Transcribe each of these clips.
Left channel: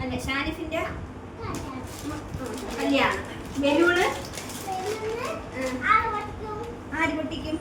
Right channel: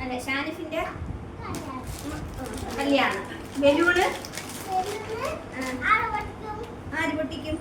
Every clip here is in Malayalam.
അല്ല ഷാനിഫിന്റെ കല്യാണം. ബലൂണ് ആര് പൊട്ടിക്കും?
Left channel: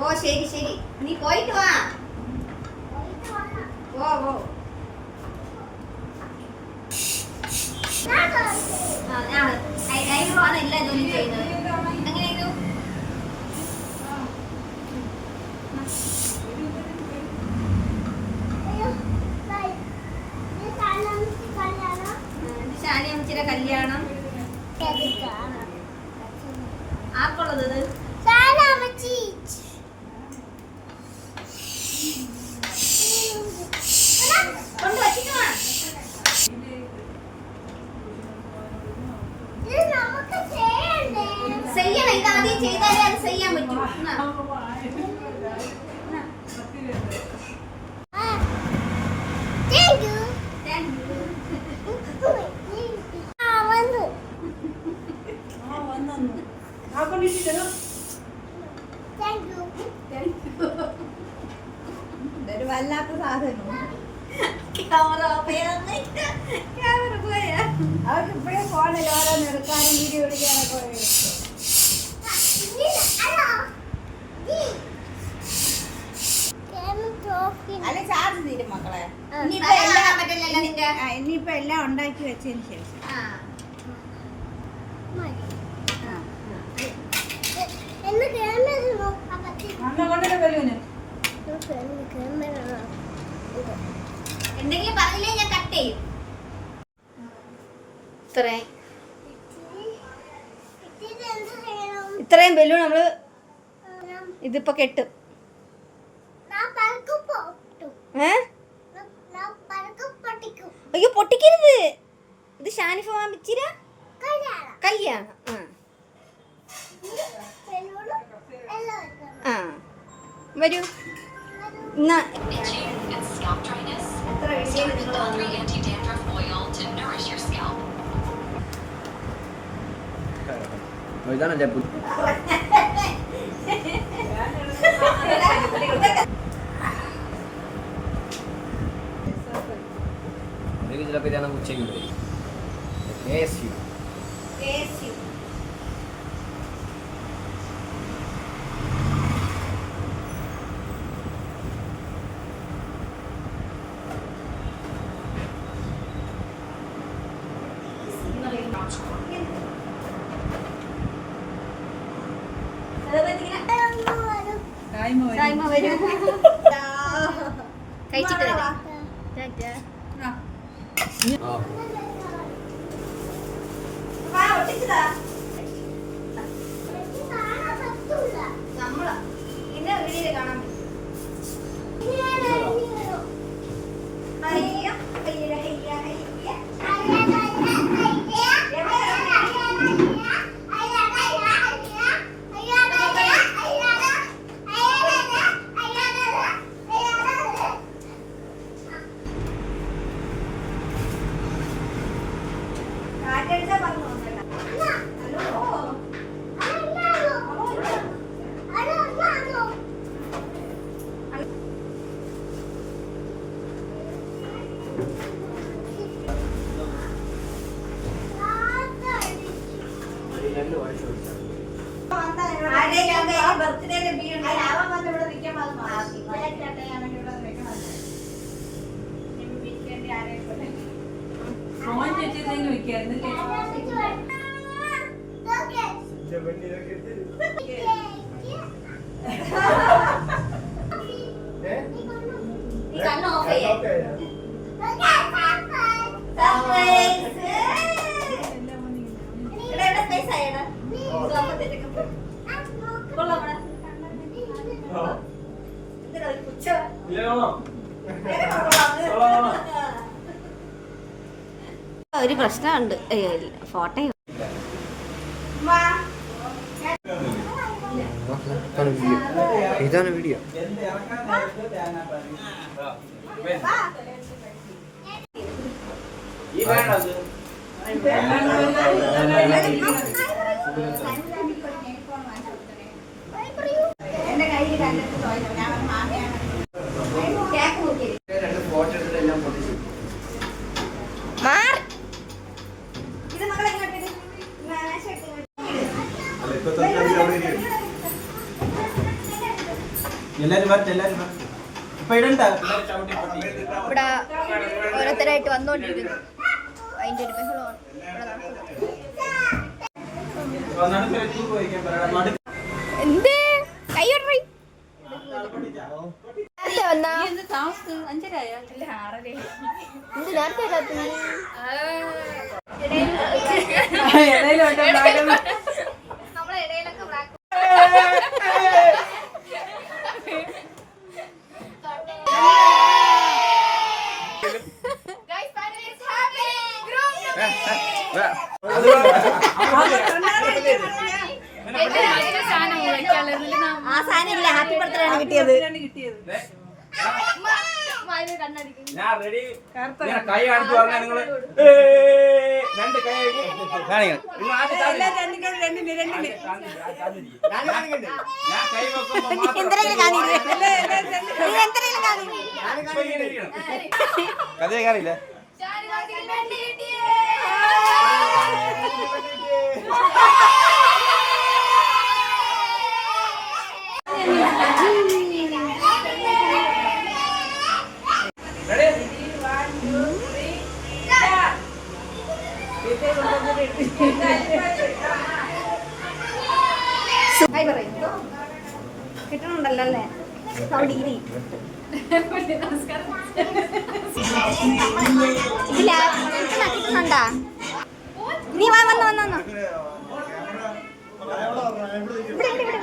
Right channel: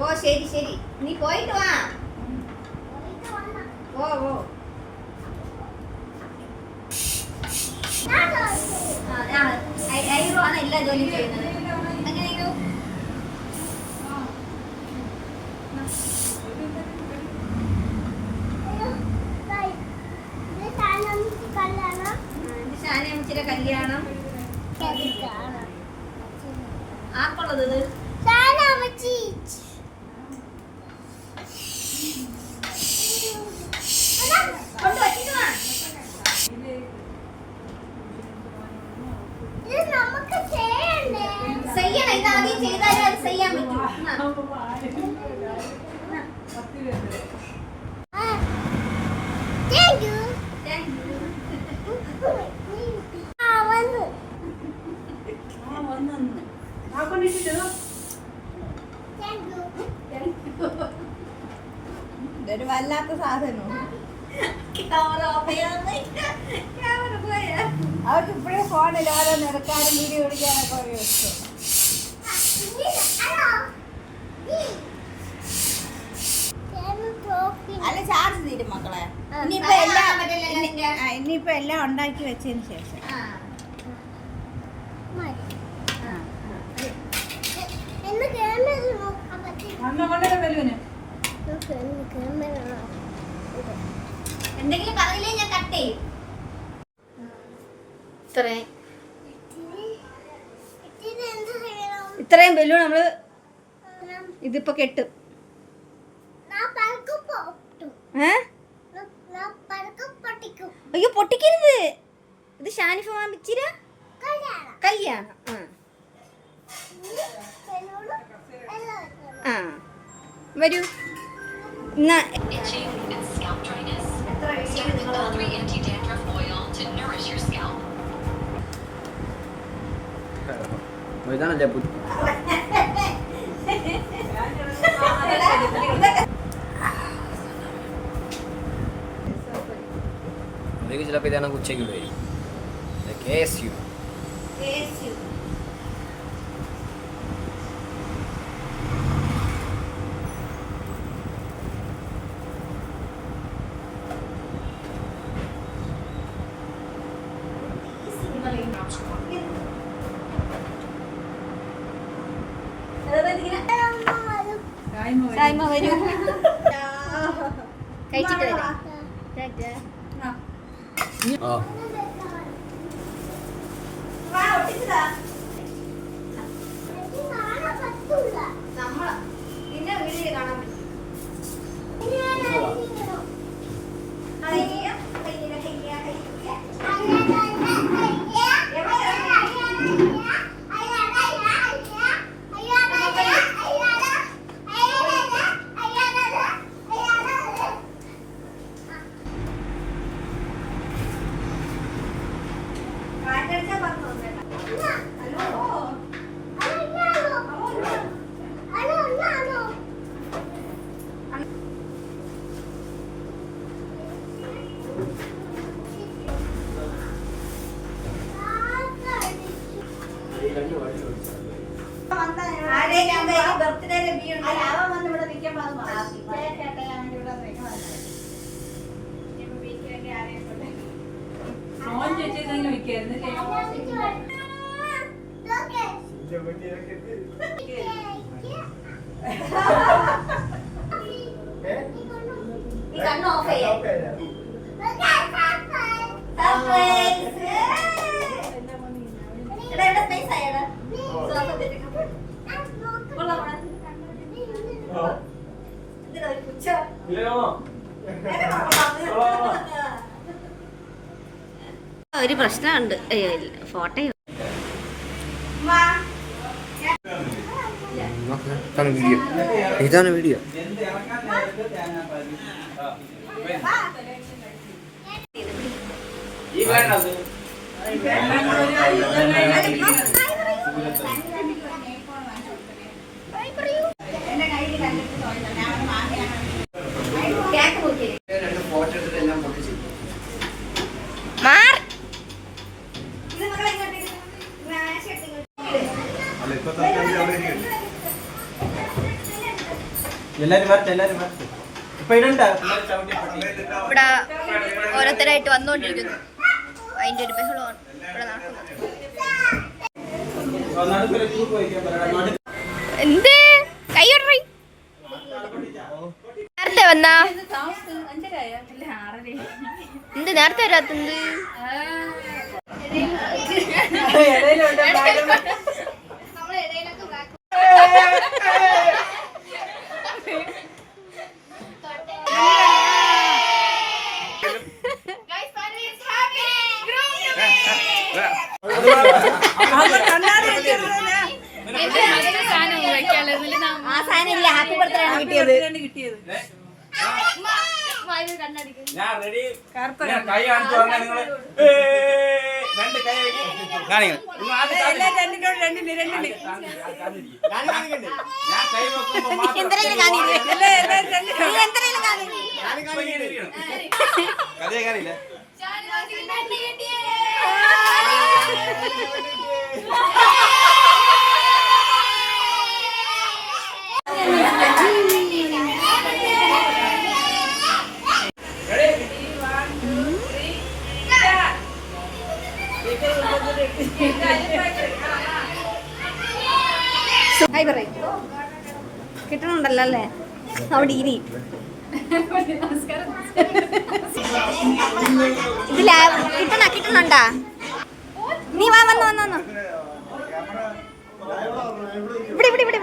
ഓ ശരി ശരി, നീ പോയിട്ട് വാ. ഓ ഐബ്രോ ആണ് എല്ലാ ജോലിയും ചെയ്യുന്നത്. അങ്ങനെ ഇത് ഷാനിയമ്മച്ചിയുടെ കല്യാണം. ആർക്കുള്ളത് ഇത്? ഇതാദ്യം ചെയ്താലേ അത് ചെയ്യാൻ പറ്റൂ. ഇതൊരു വല്ലാത്ത സാധനം. ക്യാമറ പോയാ അവർക്ക് ഇപ്പഴേ ഫോണിൽ ഓരോന്ന് എടുക്കാനും വീഡിയോ പിടിക്കാനൊക്കെ പറയും. അല്ല ചാർജ് തീരും മക്കളെ. ഇനിയിപ്പോ എല്ലാം ഉണ്ടാക്കി വെച്ചതിന് ശേഷം എന്തെങ്കിലും പറഞ്ഞില്ലേ ഞാൻ കട്ട് ചെയ്യും. ഇത്രയും ബലൂൺ നമ്മള് ഇതിപ്പോ കെട്ടും. അയ്യോ പൊട്ടിക്കരുത്, ഇത് ഷാനിഫ മാമിച്ചിര കല്യാണം. വരൂ. ചിലപ്പോൾ ഇതാണ് ഉച്ചയ്ക്ക് വരും. KSU കഴിച്ചിട്ട് വരാം. നമ്മള് പിന്നെ വീഡിയോയില് കാണാൻ പറ്റും. ബർത്ത്ഡേയിലെ ബി ഉണ്ട്. അവൻ വന്ന് ഇവിടെ നിൽക്കുമ്പോൾ അത് മാറി. ഫോൺ ചേച്ചിന്ന് വിൽക്കായിരുന്നു. ഈ കണ്ണ് ഓഫ് ചെയ്യാം. സ്പേസ് ആയടാ. കൊള്ളാം. ഒരു പ്രശ്നമുണ്ട്. ഫോട്ടോ ഇതാണ് വീഡിയോ. ഇവിടെ ഓരോരുത്തരായിട്ട് വന്നുകൊണ്ടിരിക്കുന്നു. അതിന്റെ ഒരു ബഹളമാണ് ഇവിടെ നടക്കുന്നത്. എന്ത് കൈയ്യൊറി നേരത്തെ വന്നാ എന്ത് നേരത്തെ വരാത്തത്? ആ സാധനം ഇല്ല. ഹാപ്പി ബർത്ത്ഡേ ആണ് കിട്ടിയത്. കിട്ടണുണ്ടല്ലോ അല്ലേ അവിടെ ഇരി. ഇതില കിട്ടണുണ്ടാ? നീ വാ വന്നോ വന്നോ ഇവിടെ ഇവിടെ ഇവിടെ ഇവിടെ.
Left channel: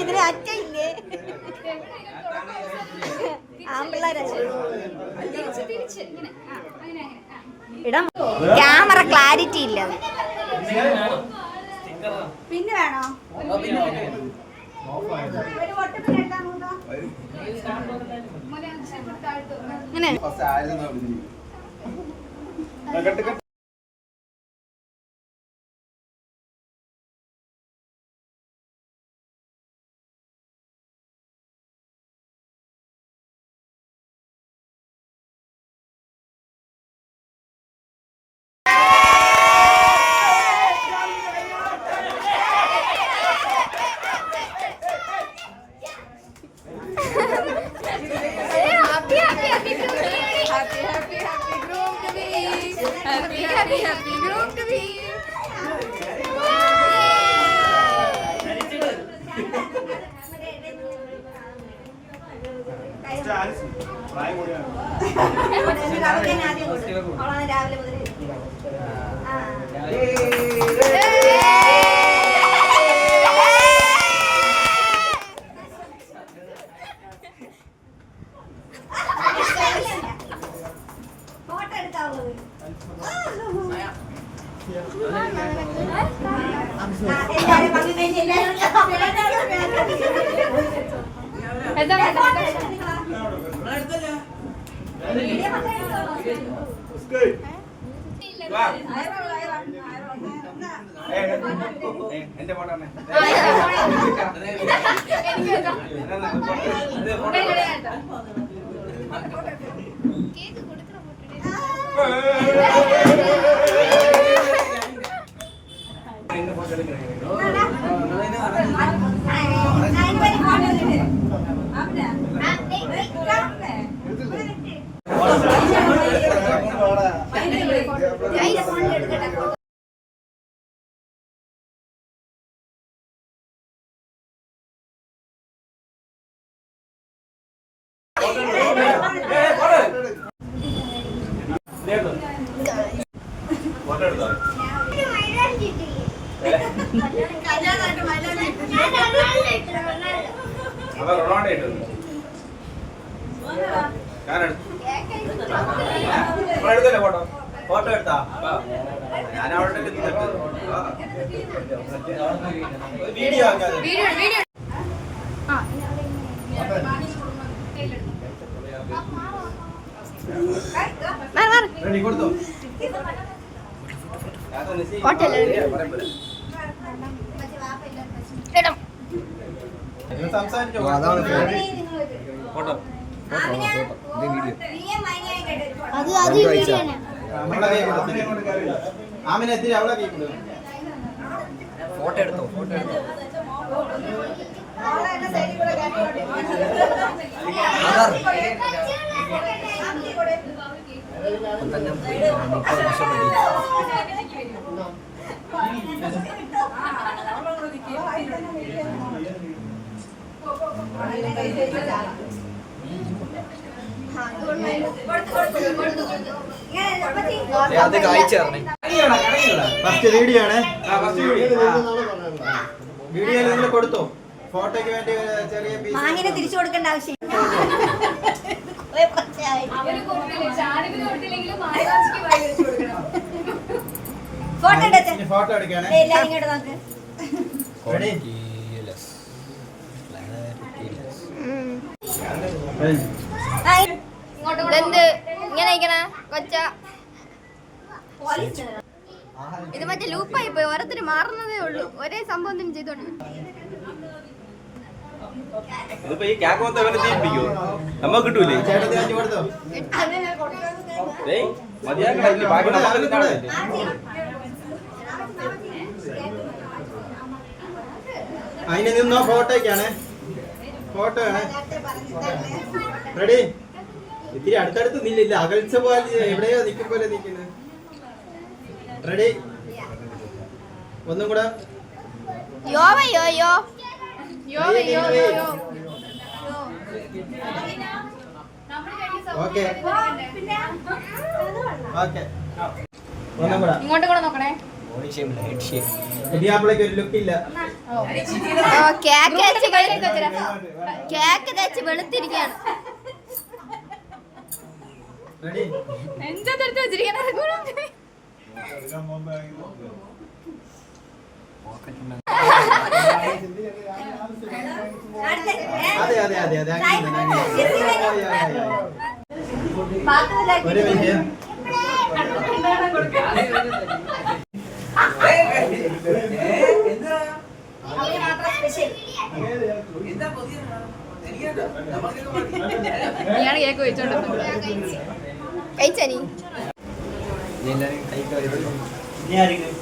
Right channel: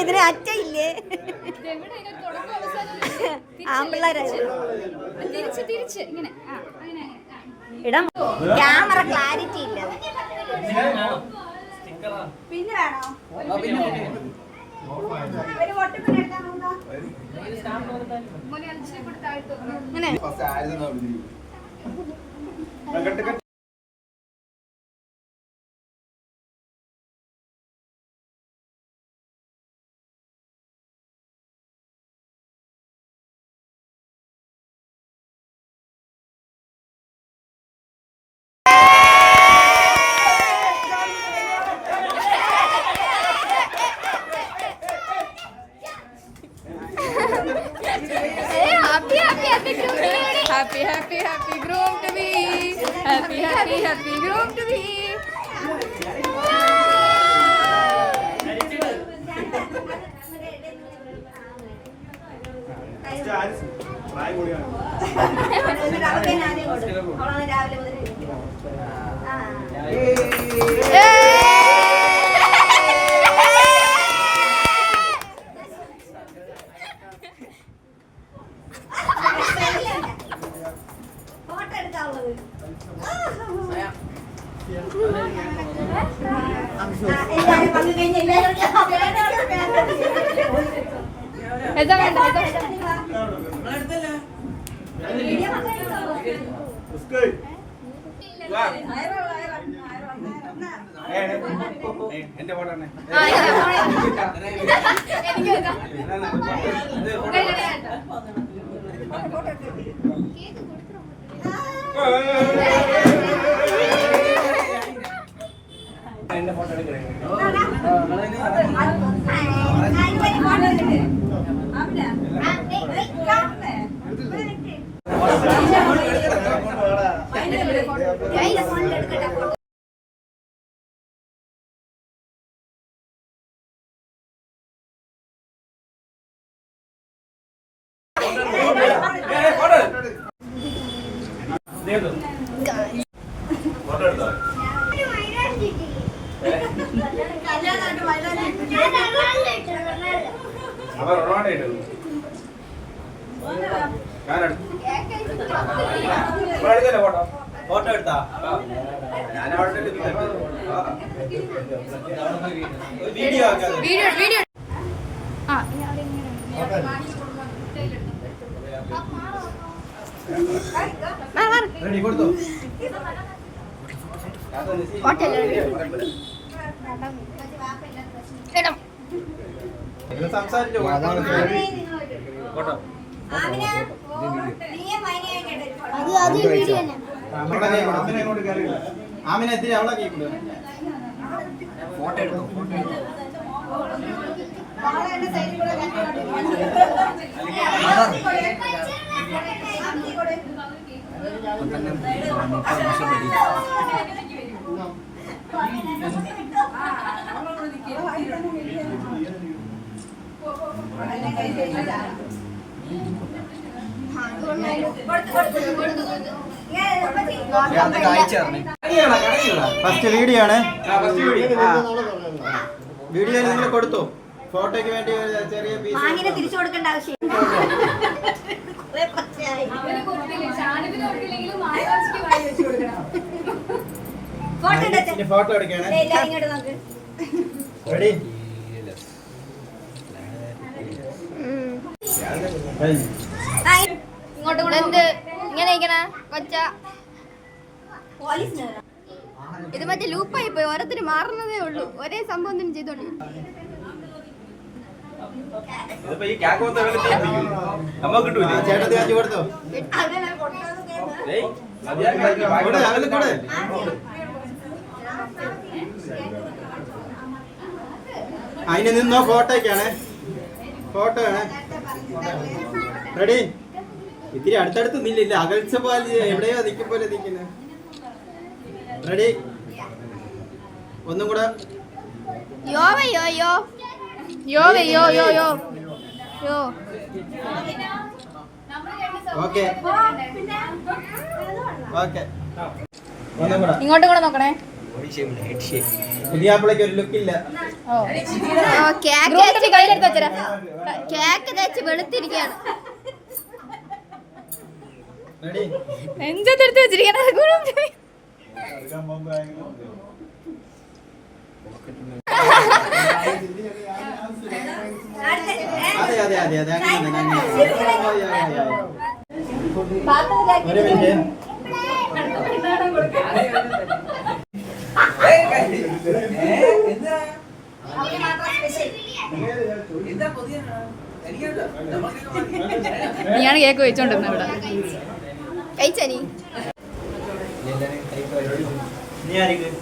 ഇതിന് അച്ഛയില്ലേ? ഇടാം. ക്യാമറ ക്ലാരിറ്റി ഇല്ല. പിന്നെ വേണോ? അങ്ങനെ എന്റെ ഫോട്ടോ എടുക്കട്ടെ. ഫോട്ടോ എടുത്തോ? അവൻ റൊണാൾഡോ ഇട്ടു. എടുത്തല്ലേ ഫോട്ടോ? ഫോട്ടോ എടുത്താ? ഞാൻ അവിടെ വീഡിയോ ആക്കാം. റെഡി കൊടുത്തോ? സംസാരിച്ചോ? ഫോട്ടോ ആമിനെ എത്തി അവിടെ കേൾക്കുന്നത്. ഫോട്ടോ എടുത്തോ? അത് കാഴ്ചയാണ്. ഫസ്റ്റ് വീഡിയോ ആണ്. വീഡിയോ നിങ്ങൾ കൊടുത്തോ? ഫോട്ടോയ്ക്ക് വേണ്ടി ചെറിയ അങ്ങനെ തിരിച്ചു കൊടുക്കേണ്ട ആവശ്യം ഫോട്ടോ എടുക്കാണ്. റെഡി? എന്ത് ഇങ്ങനെ ഇരിക്കണ കൊച്ച ഇത് മറ്റേ ലൂപ്പായി പോയി ഓരോരുത്തര് മാറുന്നതേ ഉള്ളൂ ഒരേ സംഭവം തന്നെ ചെയ്തോണ്ട് ഇതിപ്പോ ഈ ക്യാക്കോത്തെ വല്ല ചെയ്യിപ്പിക്കോ? നമ്മ കിട്ടൂലേ? ചേട്ടത്തി വെച്ച് കൊടുത്തോ? അതിന് നിന്നോ? ഫോട്ടോയ്ക്കാണ്. ഫോട്ടോ ആണ്. റെഡി? ഇത്തിരി അടുത്തടുത്ത് നിന്നില്ല, അകൽച്ച പോലെ എവിടെയോ നിൽക്കും പോലെ നിൽക്കുന്നത്. റെഡി? ഒന്നും കൂടെ. Okay okay. ഒന്നും കൂടെ. ഇങ്ങോട്ട് കൂടെ നോക്കണേ. പുതിയാപ്പിളക്ക് ഒരു ലുക്ക് ഇല്ല. കേക്ക് തേച്ച് വെളുത്തിരിക്കാണ്. നെഞ്ചെടുത്ത് വെച്ചിരിക്കണ. അതെ അതെ അതെ അതെ അങ്ങനെ ഒരു മിനിറ്റ്. നീയാണ് കേക്ക് വെച്ചോണ്ടിരുന്നത് ഇവിടെ. കഴിച്ചാ നീ? നീ ആയിരിക്കും.